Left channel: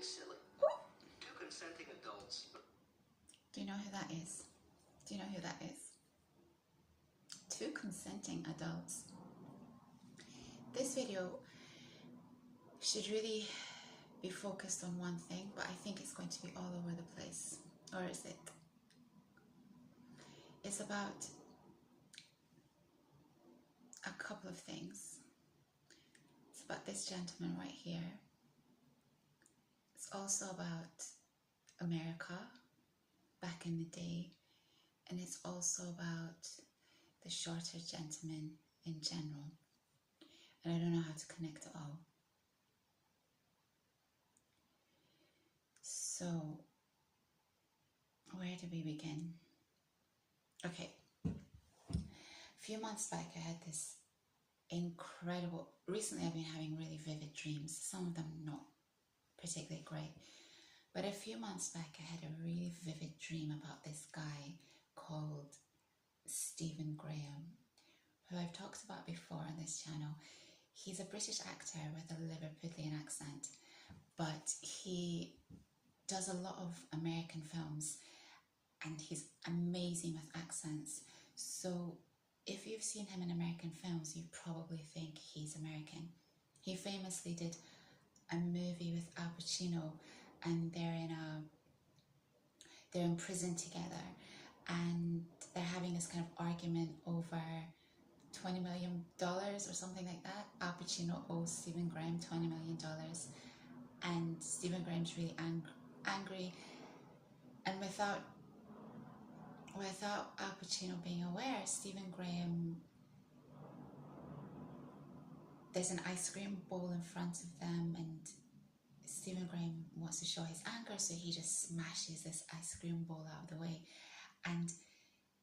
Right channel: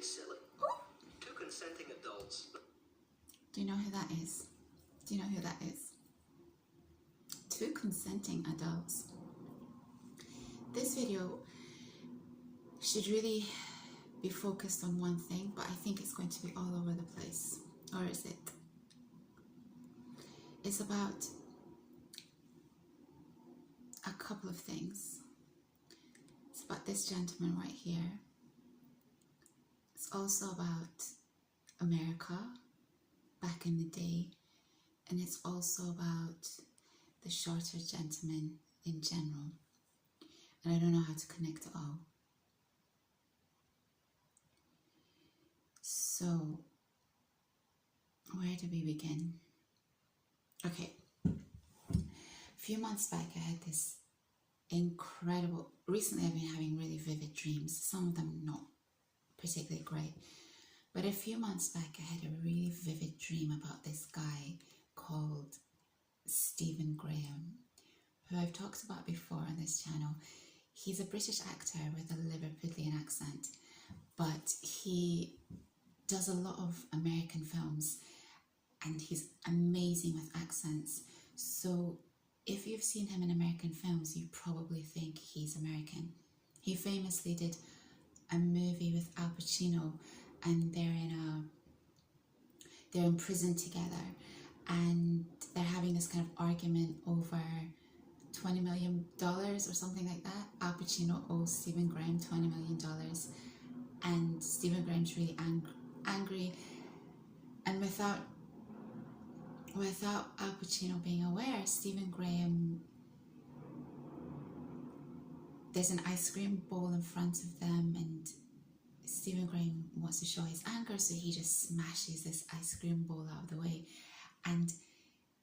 Silly. Two consenting adults. Do you know who that is? Do you know who that is? Two consenting adults. This video should really be focused on one thing, but I think it's going to be all over the place. Or is it? It's about a couple of things. It's about this gentleman right here. It's also about America back in the day, and it's also about the shorter gentleman in general. And I don't know how to connect it all. So, where do we begin? Okay, a few months back I had this incredible, recently I've been having really vivid dreams, some of them not particularly great, but a few months back I had a really vivid dream about this guy called Stephen Graham, who I've talked about before on this channel. He's a British actor with a Liverpudlian accent, but he does a lot of American films and he's amazing with accents. So if you've seen him in American films, you probably think he's American. He famously did a movie with Al Pacino, and they're in prison together, and they're having this kind of argument over $20 million or something like that. Al Pacino owes Stephen Graham $20 million, and Stephen Graham's really angry, and without Al Pacino being aware, Stephen Graham, there's an ice cream bowl in front of them, and Stephen Graham wants to show his anger, so he just smashes this ice cream bowl out of the way. And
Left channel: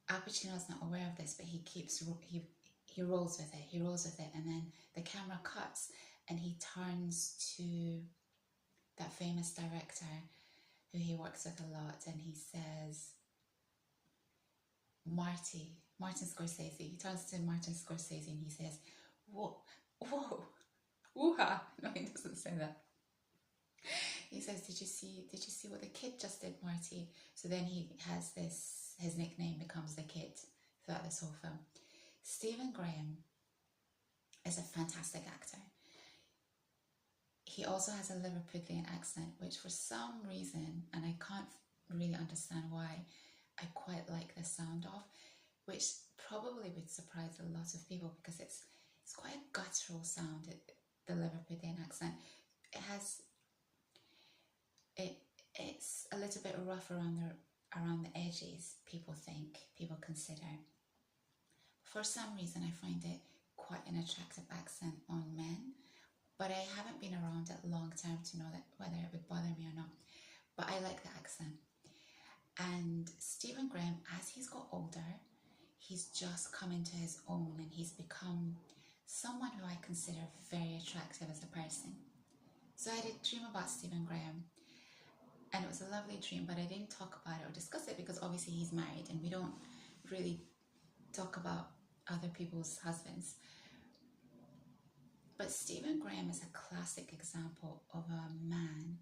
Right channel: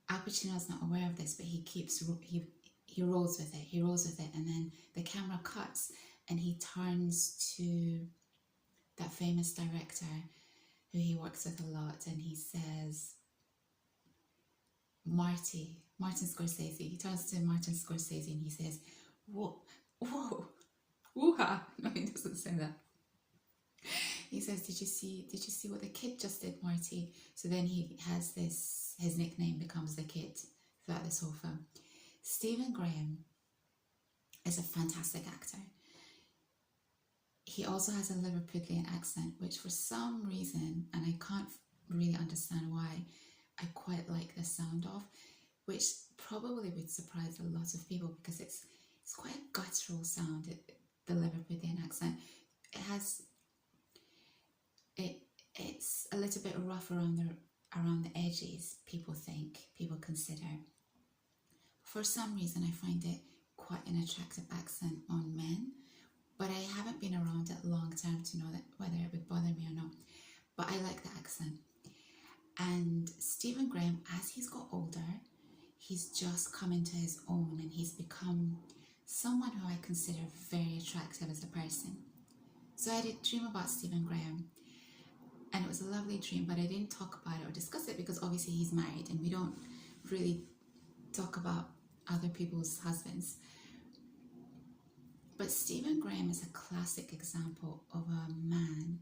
Al Pacino's not aware of this, but he rolls with it, and then the camera cuts, and he turns to that famous director who he works with a lot, and he says, Martin Scorsese. He turns to Martin Scorsese and he says, whoa, woo-ha. No, he doesn't say that. He says, did you see what the kid just did, Marty? So then he has this, his nickname becomes the kid throughout this whole film. Stephen Graham is a fantastic actor. He also has a Liverpudlian accent, which for some reason, and I can't really understand why, I quite like the sound of, which probably would surprise a lot of people because it's quite a guttural sound, the Liverpudlian accent. It's a little bit rough around the edges, people consider. For some reason I find it quite an attractive accent on men, but I haven't been around it long term to know that whether it would bother me or not. But I like the accent. And Stephen Graham, as he's got older, he's just come into his own, and he's become someone who I consider very attractive as a person. So I did dream about Stephen Graham, and it was a lovely dream, but I didn't talk about it or discuss it because obviously he's married and we don't really talk about other people's husbands. But Stephen Graham is a classic example of a man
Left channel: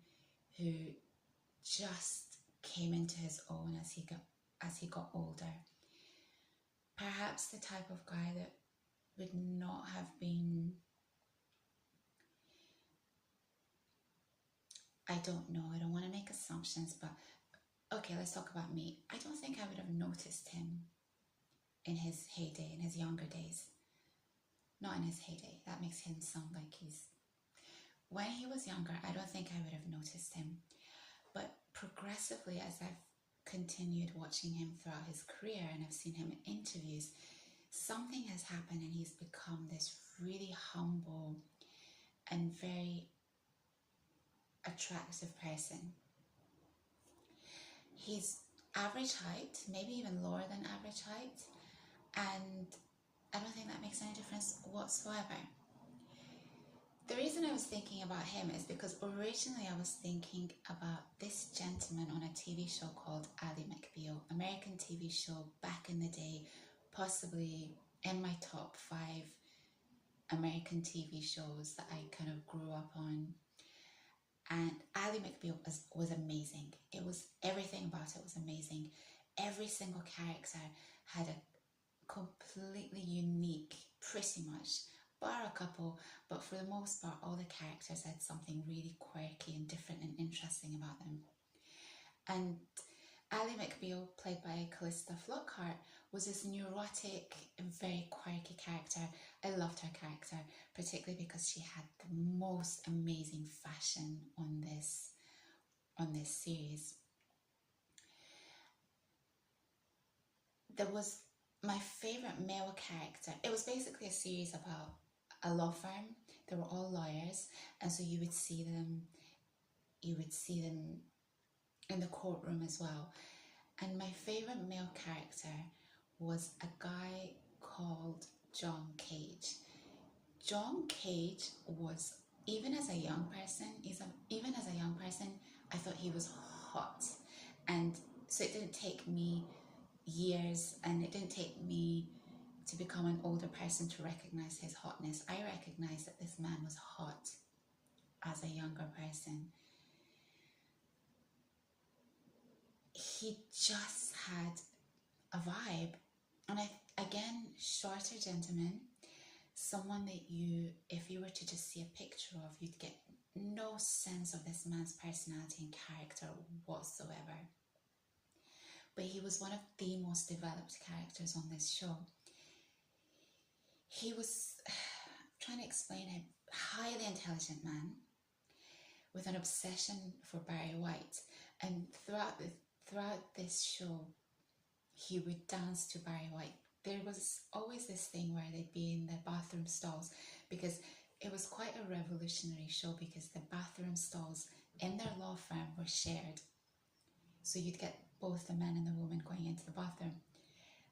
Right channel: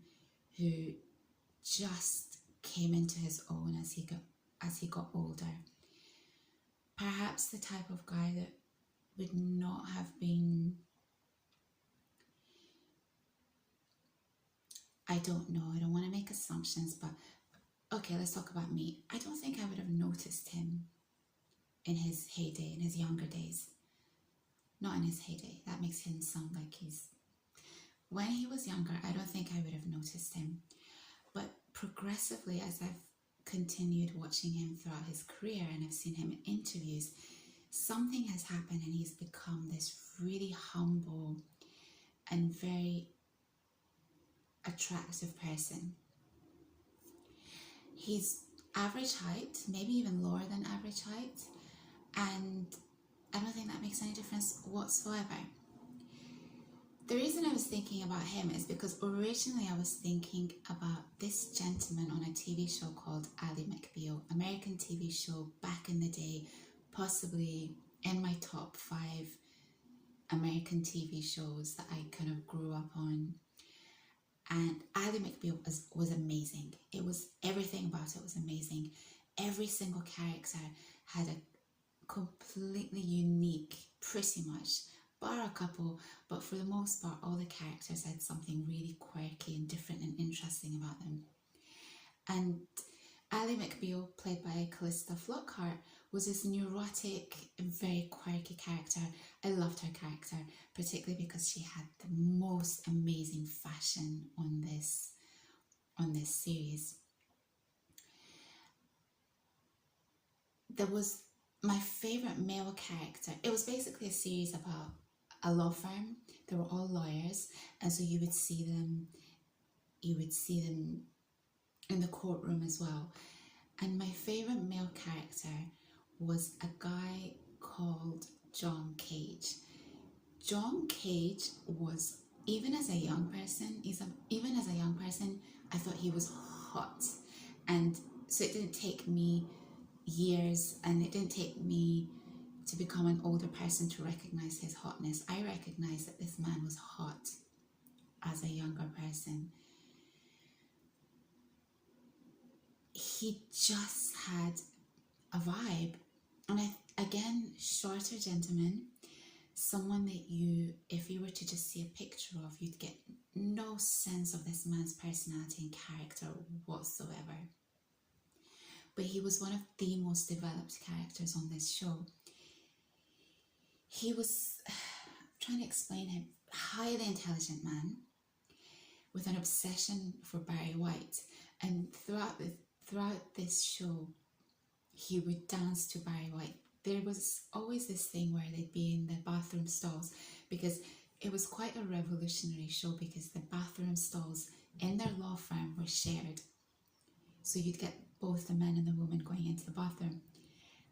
who just came into his own as he got older. Perhaps the type of guy that would not have been, I don't know, I don't want to make assumptions, but okay, let's talk about me. I don't think I would have noticed him in his heyday, in his younger days. Not in his heyday, that makes him sound like when he was younger, I don't think I would have noticed him. But progressively, as I've continued watching him throughout his career and I've seen him in interviews, something has happened and he's become this really humble and very attractive person. He's average height, maybe even lower than average height, and I don't think that makes any difference whatsoever. The reason I was thinking about him is because originally I was thinking about this gentleman on a TV show called Ally McBeal, American TV show back in the day, possibly in my top 5 American TV shows that I kind of grew up on. And Ally McBeal every single character had a completely unique, pretty much, bar a couple, but for the most part, all the characters had something really quirky and different and interesting about them. And Ally McBeal, played by Callista Flockhart, was this neurotic and very quirky character. I loved her character, particularly because she had the most amazing fashion on this series. There was my favorite male character. It was basically a series about a law firm. They were all lawyers, and so you would see them in the courtroom as well. And my favorite male character was a guy called John Cage. John Cage was, even as a young person, I thought he was hot. And so it didn't take me years, and it didn't take me to become an older person to recognize his hotness. I recognized that this man was hot as a younger person. He just had a vibe. And again, shorter gentleman, someone that if you were to just see a picture of, you'd get no sense of this man's personality and character whatsoever. But he was one of the most developed characters on this show. He was, trying to explain him, highly intelligent man with an obsession for Barry White. And throughout this show, he would dance to Barry White. There was always this thing where they'd be in the bathroom stalls, because it was quite a revolutionary show, because the bathroom stalls in their law firm were shared. So you'd get both the men and the women going into the bathroom.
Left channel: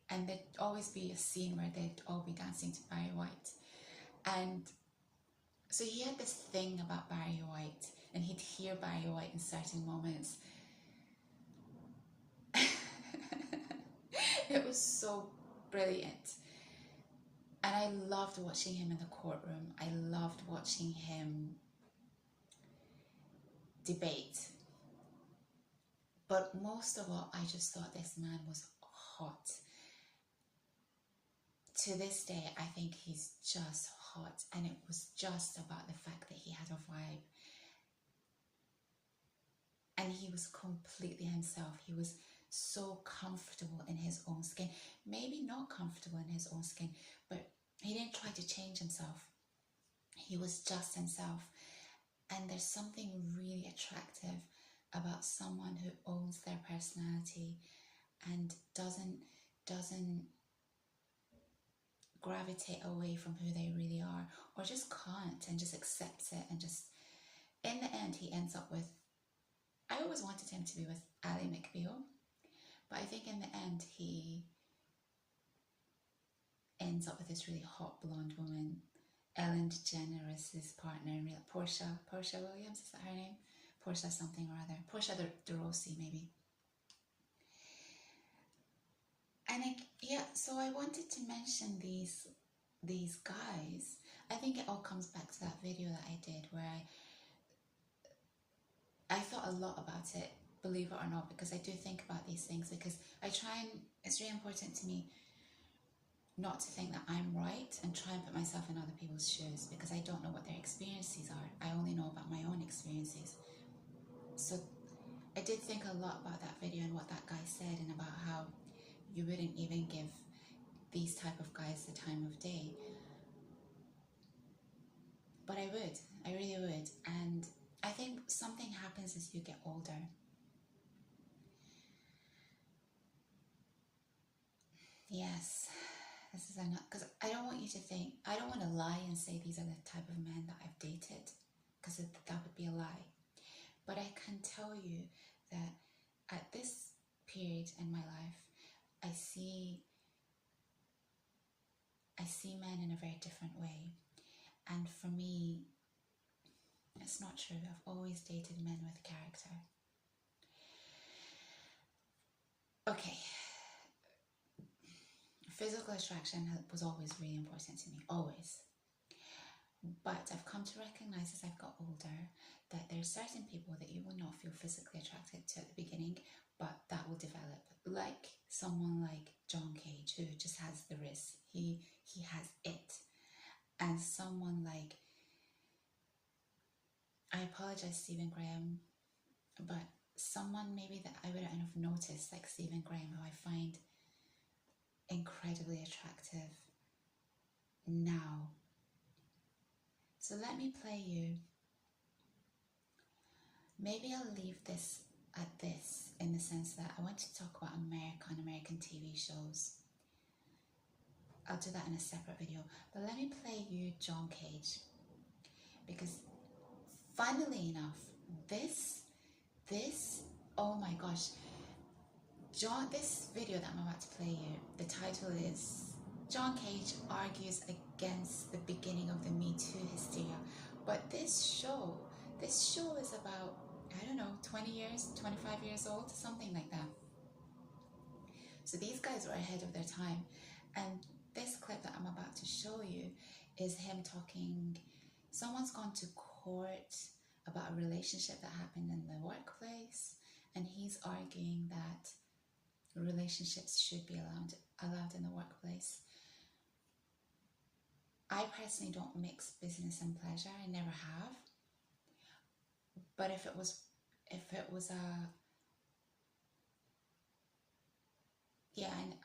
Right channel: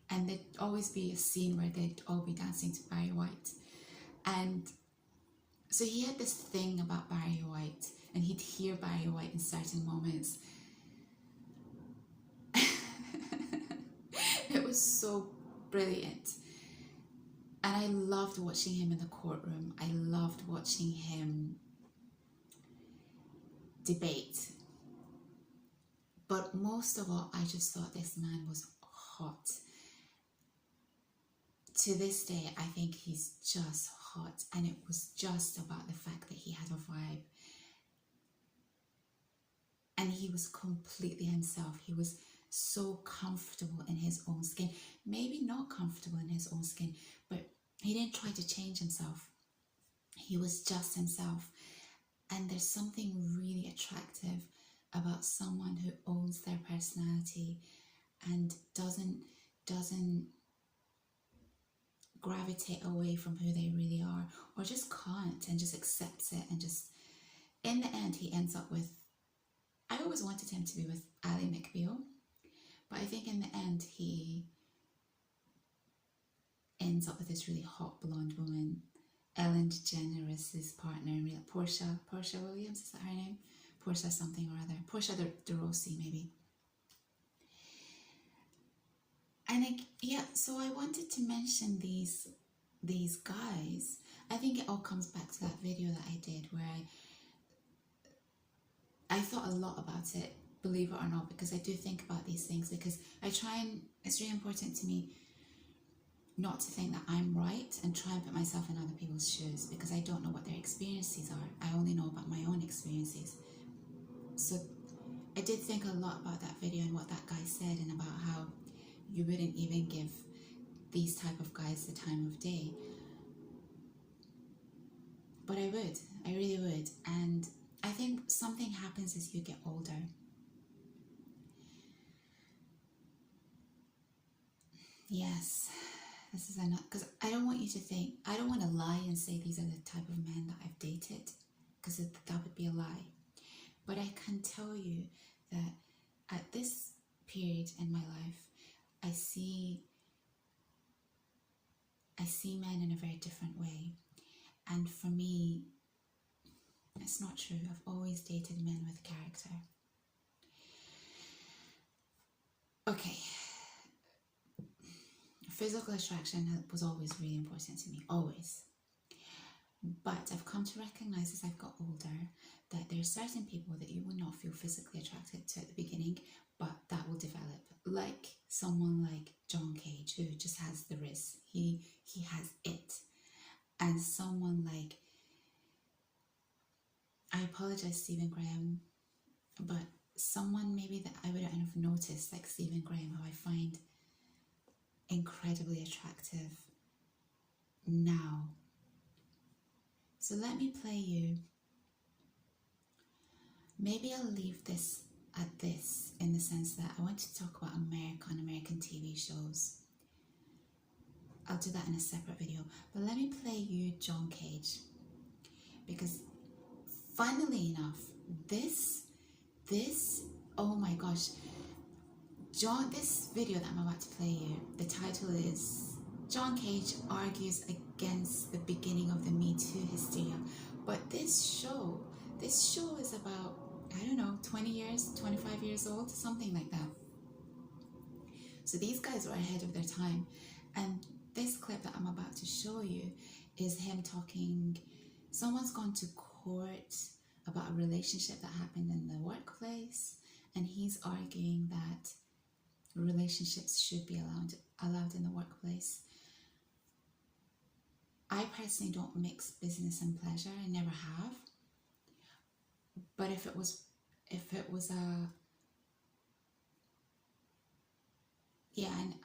And there'd always be a scene where they'd all be dancing to Barry White. And so he had this thing about Barry White, and he'd hear Barry White in certain moments. It was so brilliant. And I loved watching him in the courtroom. I loved watching him debate. But most of all, I just thought this man was hot. To this day, I think he's just hot. And it was just about the fact that he had a vibe. And he was completely himself. He was so comfortable in his own skin. Maybe not comfortable in his own skin, but he didn't try to change himself. He was just himself. And there's something really attractive about someone who owns their personality and doesn't gravitate away from who they really are, or just can't, and just accepts it, and just, in the end, he ends up with, I always wanted him to be with Ally McBeal, but I think in the end he ends up with this really hot blonde woman, Ellen DeGeneres' partner, Portia Williams, is that her name? Portia something or other. Portia de Rossi, maybe. And so I wanted to mention these guys. I think it all comes back to that video that I did where I thought a lot about it, believe it or not, because I do think about these things, because it's really important to me not to think that I'm right and try and put myself in other people's shoes, because I don't know what their experiences are. I only know about my own experiences. So I did think a lot about that video and what that guy said, and about how you wouldn't even give these type of guys the time of day. But I would. I really would. And I think something happens as you get older. Yes, this is enough, because I don't want you to think, I don't want to lie and say these are the type of men that I've dated, because that would be a lie. But I can tell you that at this period in my life, I see men in a very different way. And for me, it's not true. I've always dated men with character. Okay. Physical attraction was always really important to me, always. But I've come to recognize as I've got older that there are certain people that you will not feel physically attracted to at the beginning, but that will develop. Like someone like John Cage, who just has the wrist. He has it. And someone like, I apologize, Stephen Graham, but someone maybe that I wouldn't have noticed, like Stephen Graham, who I find incredibly attractive now. So let me play you. Maybe I'll leave this at this, in the sense that I want to talk about American TV shows. I'll do that in a separate video. But let me play you John Cage. Because funnily enough, this, oh my gosh, this video that I'm about to play you, the title is John Cage argues against the beginning of the Me Too hysteria. But this show is about, I don't know, 20 years, 25 years old, something like that. So these guys were ahead of their time. And this clip that I'm about to show you is him talking, someone's gone to court about a relationship that happened in the workplace, and he's arguing that relationships should be allowed in the workplace. I personally don't mix business and pleasure. I never have. But if it was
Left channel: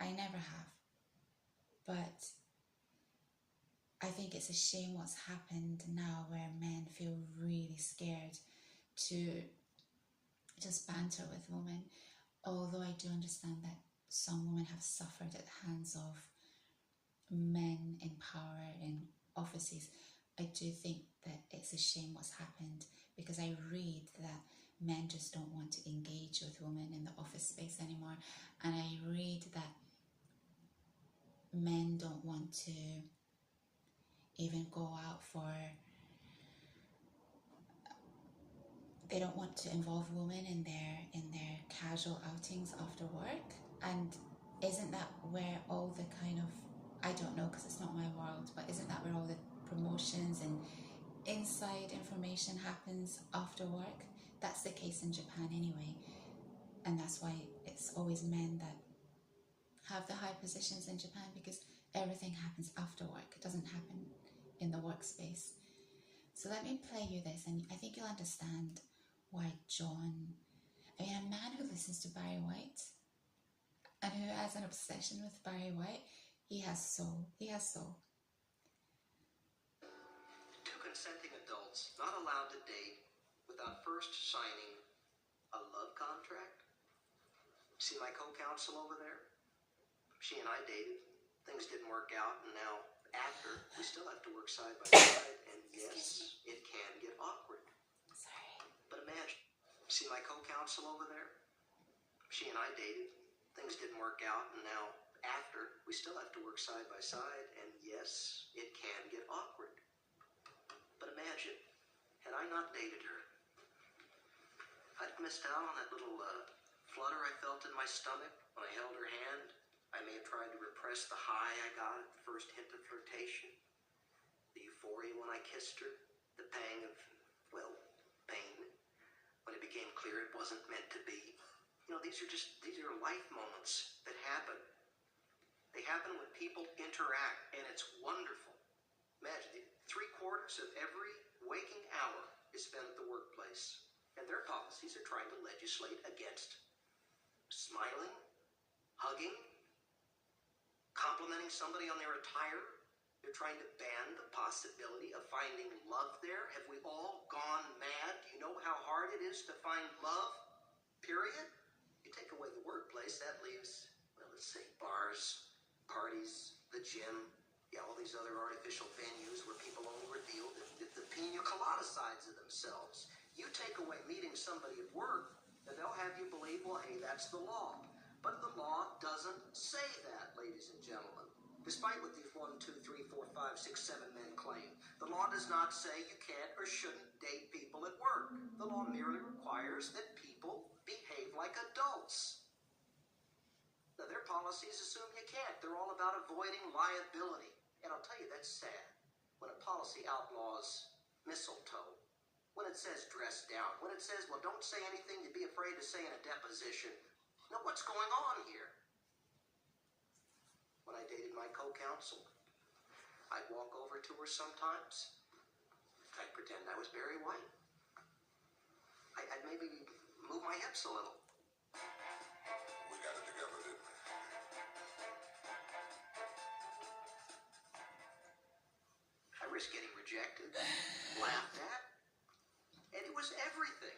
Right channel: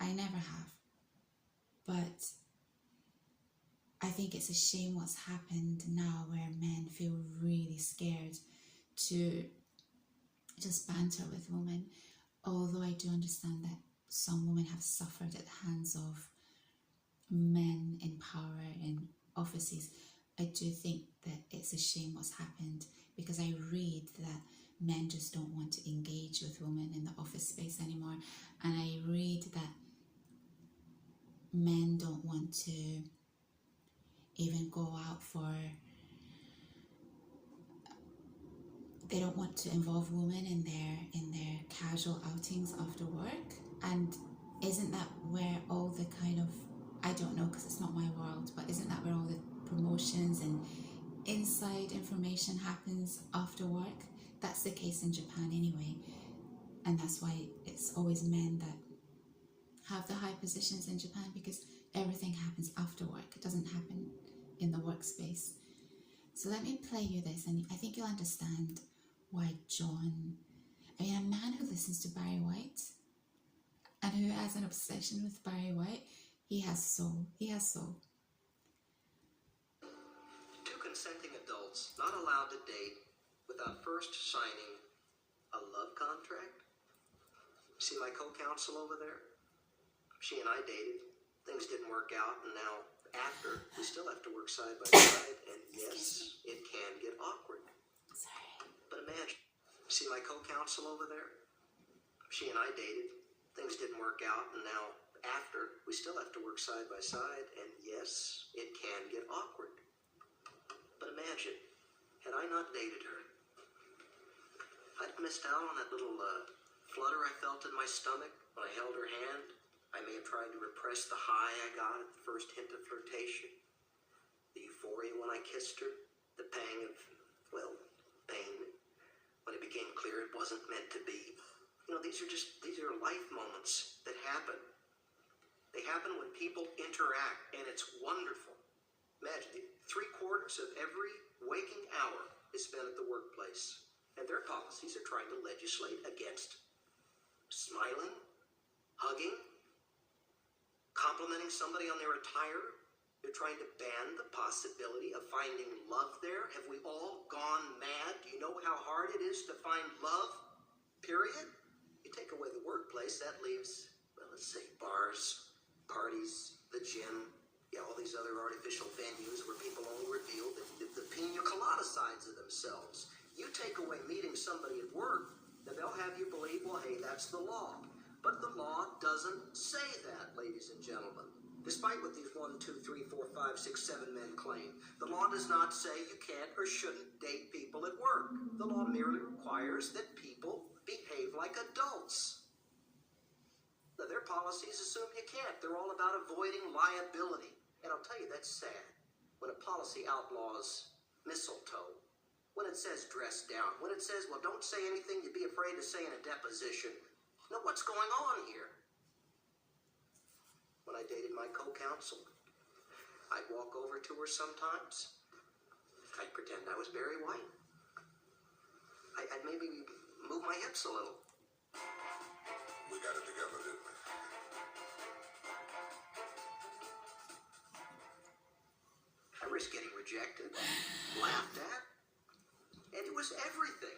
I never have. But I think it's a shame what's happened now, where men feel really scared to just banter with women. Although I do understand that some women have suffered at the hands of men in power in offices, I do think that it's a shame what's happened, because I read that men just don't want to engage with women in the office space anymore. And I read that men don't want to even go out they don't want to involve women in their casual outings after work. And isn't that where all the kind of, I don't know because it's not my world, but isn't that where all the promotions and inside information happens after work? That's the case in Japan anyway. And that's why it's always men that have the high positions in Japan, because everything happens after work. It doesn't happen in the workspace. So let me play you this, and I think you'll understand why a man who listens to Barry White and who has an obsession with Barry White, he has soul. He has soul. Two consenting adults not allowed to date without first signing a love contract. See my co-counsel over there? She and I dated. Things didn't work out, and now after, we still have to work side by side, and yes, it can get awkward. Sorry. But imagine, see my co-counsel over there? She and I dated. Things didn't work out, and now after, we still have to work side by side, and yes, it can get awkward. But imagine, had I not dated her, I'd missed out on that little flutter I felt in my stomach when I held her hand. I may have tried to repress the high I got at the first hint of flirtation, the euphoria when I kissed her, the pang of, pain when it became clear it wasn't meant to be. You know, these are life moments that happen. They happen when people interact, and it's wonderful. Imagine, 3/4 of every waking hour is spent at the workplace, and their policies are trying to legislate against smiling, hugging, complimenting somebody on their attire. They're trying to ban the possibility of finding love there. Have we all gone mad? Do you know how hard it is to find love? Period. You take away the workplace, that leaves, let's say, bars, parties, the gym, all these other artificial venues where people only reveal the pina colada sides of themselves. You take away meeting somebody at work, then they'll have you believe, well, hey, that's the law. But the law doesn't say that, ladies and gentlemen. Despite what these 1, 2, 3, 4, 5, 6, 7 men claim, the law does not say you can't or shouldn't date people at work. The law merely requires that people behave like adults. Now, their policies assume you can't. They're all about avoiding liability. And I'll tell you, that's sad. when a policy outlaws mistletoe, when it says dress down, when it says, well, don't say anything you'd be afraid to say in a deposition. Now, what's going on here? When I dated my co-counsel, I'd walk over to her sometimes. I'd pretend I was Barry White. I'd maybe move my hips a little. We got it together, didn't we? I risked getting rejected, laughed at, and it was everything.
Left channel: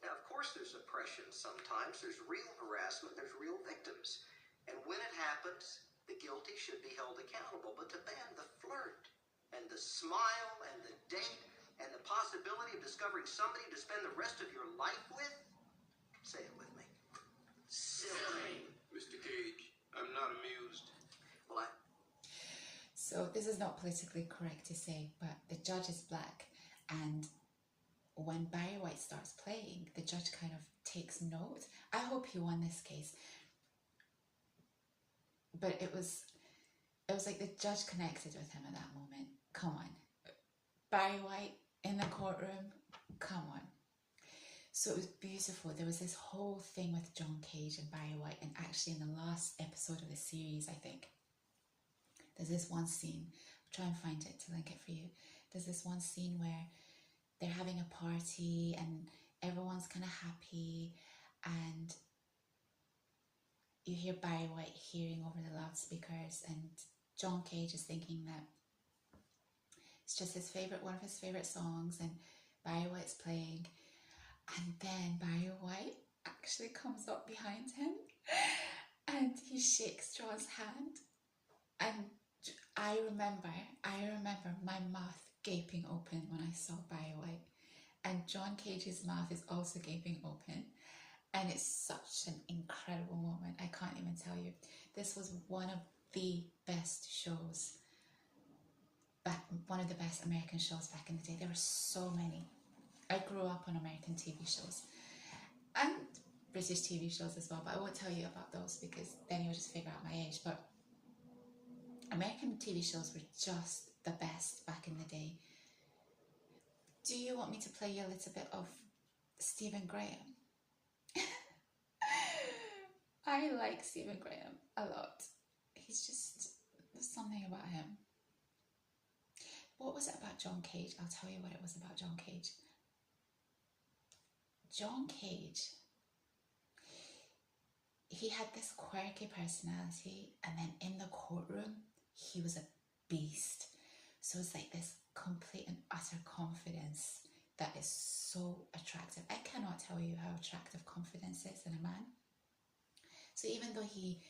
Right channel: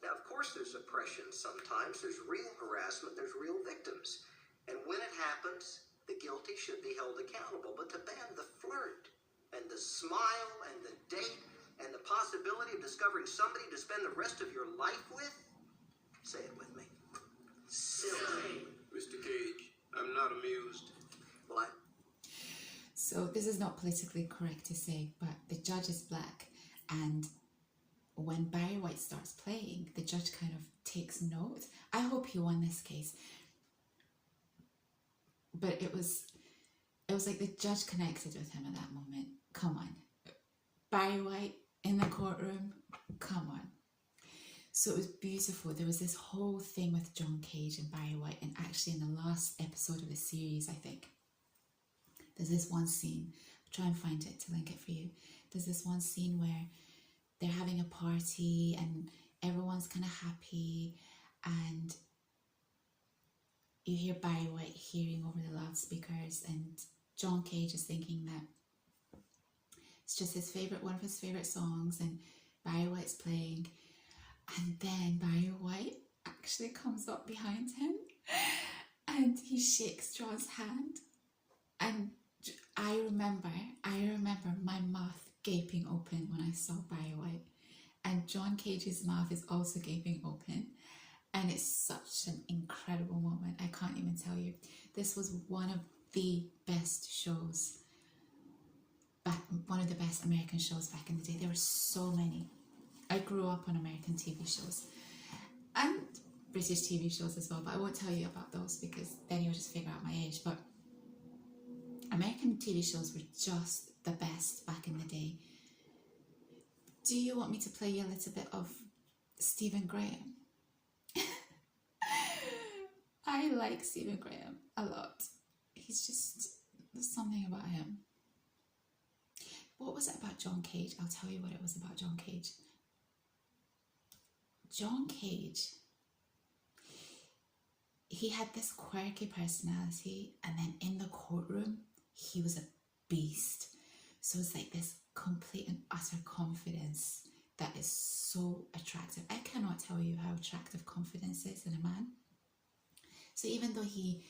Now, of course, there's oppression sometimes. There's real harassment. There's real victims. And when it happens, the guilty should be held accountable. But to ban the flirt and the smile and the date and the possibility of discovering somebody to spend the rest of your life with, say it with me. Silly. Mr. Cage, I'm not amused. Well, So this is not politically correct to say, but the judge is black, and when Barry White starts playing, the judge kind of takes note. I hope he won this case, but it was like the judge connected with him at that moment. Come on, Barry White in the courtroom. Come on. So it was beautiful. There was this whole thing with John Cage and Barry White, and actually in the last episode of the series, I think, there's this one scene. I'll try and find it to link it for you. There's this one scene where they're having a party and everyone's kind of happy, and you hear Barry White hearing over the loudspeakers, and John Cage is thinking that it's just one of his favorite songs, and Barry White's playing, and then Barry White actually comes up behind him and he shakes John's hand, and I remember my mouth gaping open when I saw Barry White, and John Cage's mouth is also gaping open, and it's such an incredible moment. I can't even tell you. This was one of the best shows one of the best American shows back in the day. There were so many. I grew up on American TV shows and British TV shows as well, but I won't tell you about those because then you'll just figure out my age. But American TV shows were just the best back in the day. Do you want me to play you a little bit of Stephen Graham? I like Stephen Graham a lot. There's something about him. What was it about John Cage? I'll tell you what it was about John Cage. John Cage, he had this quirky personality, and then in the courtroom, he was a beast. So it's like this complete and utter confidence that is so attractive. I cannot tell you how attractive confidence is in a man. So even though he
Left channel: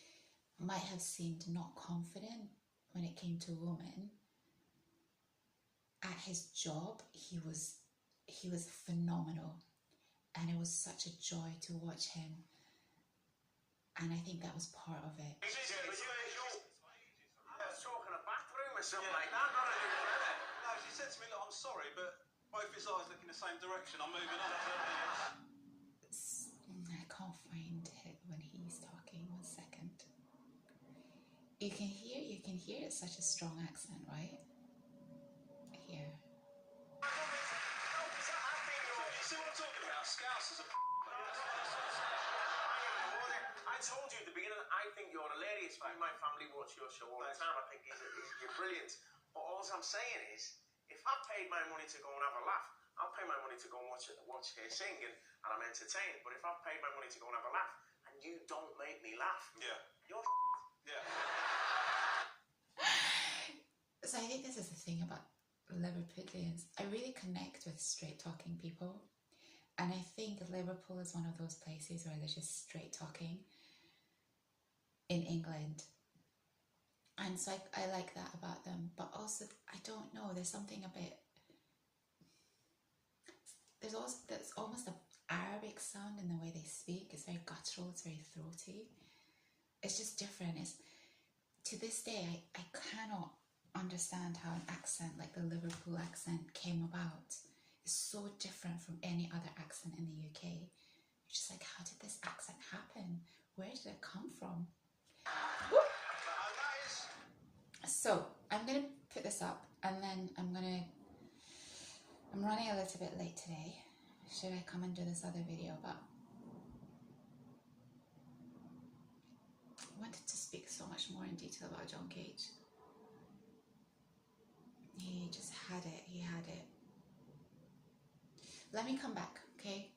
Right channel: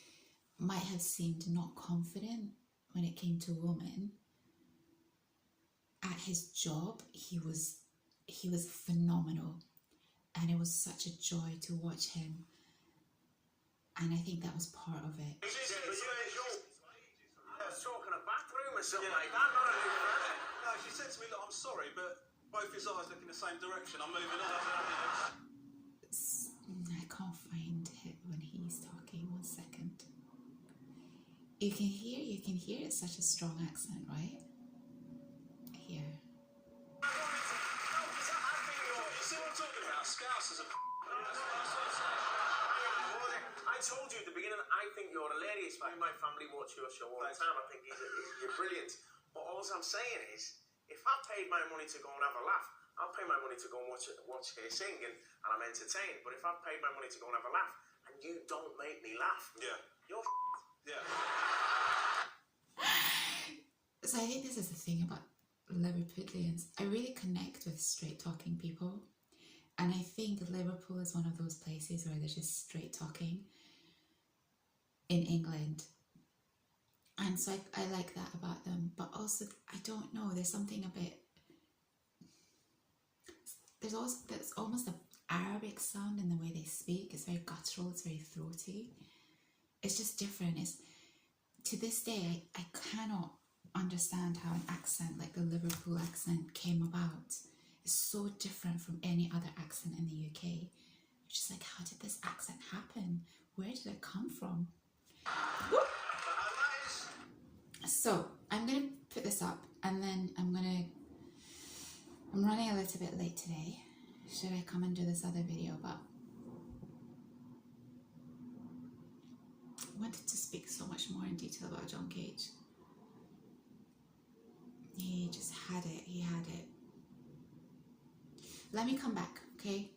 might have seemed not confident when it came to women, at his job, he was phenomenal, and it was such a joy to watch him, and I think that was part of it. I was talking a bathroom or something like that, not a new fella. No, she said to me, look, I'm sorry, but both his eyes look in the same direction. I'm moving on. I can't find it when he's talking. 1 second. You can hear it's such a strong accent, right? Here. You see what I'm talking about? Scousers are I told you at the beginning, I think you're hilarious, mate. My family watch your show all the time. I think you're brilliant. But all I'm saying is, if I paid my money to go and have a laugh, I'll pay my money to go and watch her sing, and I'm entertained. But if I paid my money to go and have a laugh, and you don't make me laugh, Yeah. you're Yeah. So I think this is the thing about Liverpudlians. I really connect with straight talking people, and I think Liverpool is one of those places where they're just straight talking in England, and so I like that about them. But also, I don't know, there's something a bit, there's almost an Arabic sound in the way they speak. It's very guttural, it's very throaty. It's just different. To this day, I cannot understand how an accent like the Liverpool accent came about. It's so different from any other accent in the UK. You're just like, how did this accent happen? Where did it come from? So I'm going to put this up, should I come and do this other video, but I wanted to speak so much more in detail about John Cage. He just had it. He had it. Let me come back, okay?